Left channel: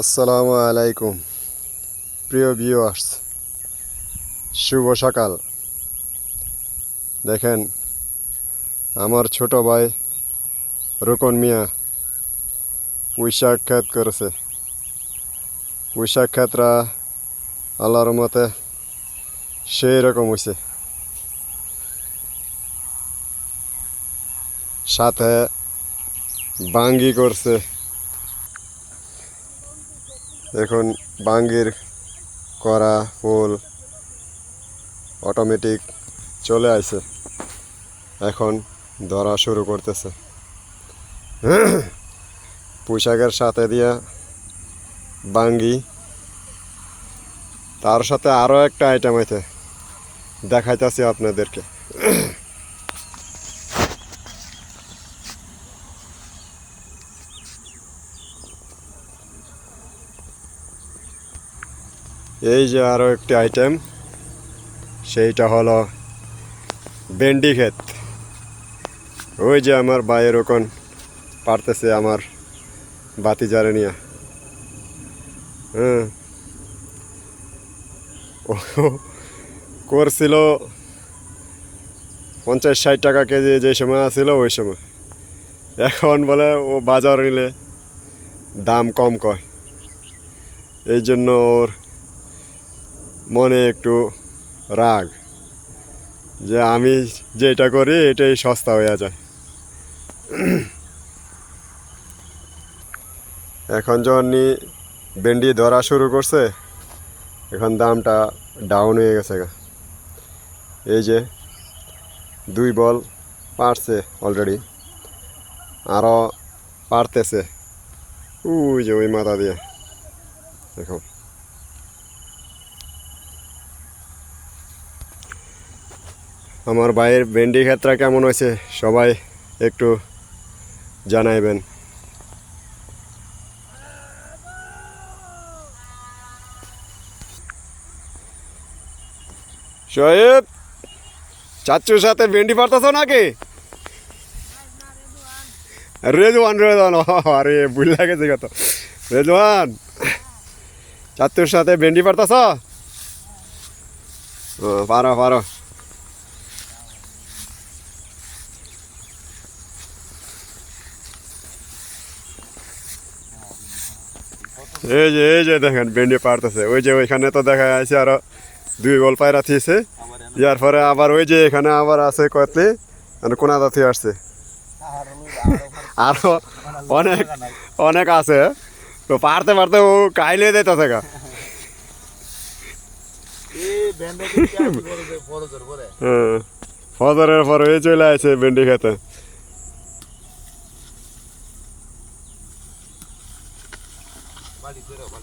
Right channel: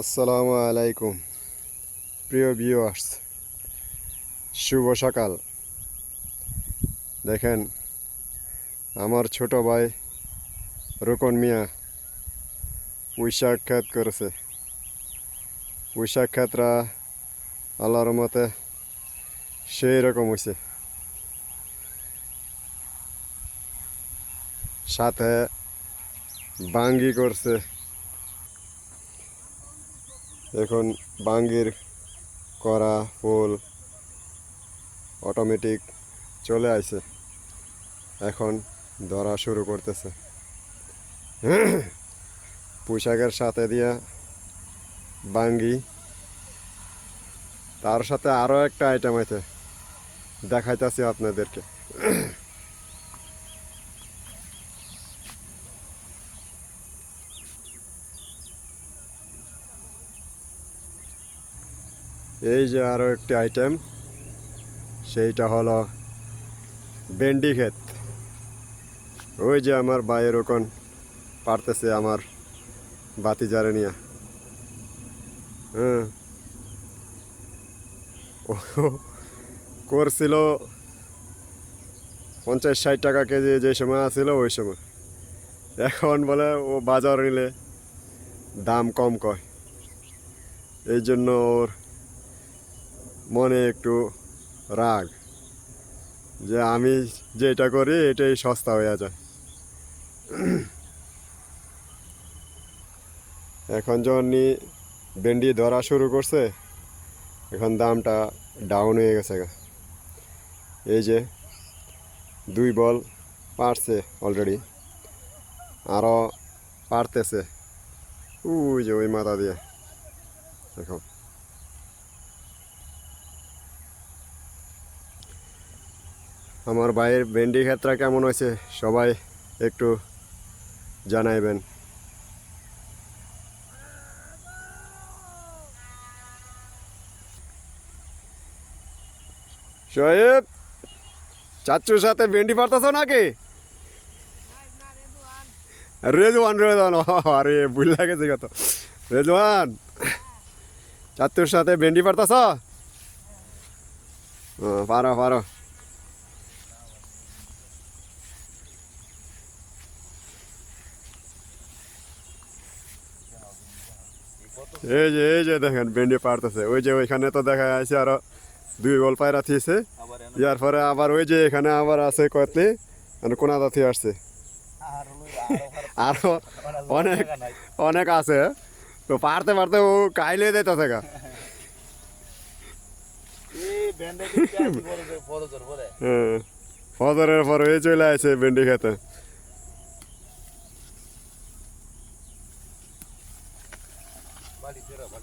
আসসালামু আলাইকুম প্রিয় ভিউয়ার্স, শুভ সকাল। দেখেন আমার ছোট ভাই রোকন মিয়া পুঁইশাক ক্ষেত করেছে। পুঁইশাক ক্ষেতরা আল্লাহর মতে সেই রকম হয়েছে, সাথে বাঙ্গি করছে। দেখুন বাঙ্গির করা ফুল অটোমেটিক চলে আসে, এখন ধরা শুরু করতেছে। পুঁইশাকের সাথে দিয়া বাঙ্গি, তার সাথে আরও একটা আইটেম আছে, দেখাইতেছি আপনাদেরকে। এই যে আরও একটি আইটেম, সেইটা হলো ভেন্ডি ক্ষেত। ওই যে আমার ভাইয়ের ওখান পারতেছে আমার বাতিজারে নিয়ে। হ্যাঁ, ও করছিল 50-60 টাকা কেজি যে সময় আছিল ওই সময়। এখন বলে ও বাজার নিলে দাম কম কয়, এই জন্য ওর মনে একটু রাগ যে আমি যেটা করি এটাই সস্তা হয়ে যায়। এখন যখন ভেন্ডি ধরা শুরু করছে, এখন দামটা ডাউন হয়ে গেছে। এই যে 2 বল পারছে অলরেডি, আরও পারতেছে। ওই যে ওই মাথা দিয়ে দেখো। আমার ভাইয়ের ভেন্ডি ক্ষেতটা কেমন হয়েছে সবাই একটু জানাইবেন। শোয়েব, চাচুর সাথে ভেন্ডি পারতেছ নাকি? রেজওয়ান রেজওয়ান, আরে ভুল লাগেছে কত। রেজওয়ান, চাচুর সাথে ভেন্ডি পারতেছ? পারো পারো। এই যে দেখেন ভেন্ডি পারতেছে। ওই যে ওইখানে তো দেখা যাচ্ছে আরো 2 বল পায়রা থিয়েছে, ইয়ার পরে আবার ওই যে এখানে আবার আছে কতলি কোনা দাঁতি আসছে, আরো অনেক অনেক আছে। তো পারতে পারতে ও কাইলে দিতেছে গা। ফজরের পরে চলে আসে ভেন্ডি খেতে।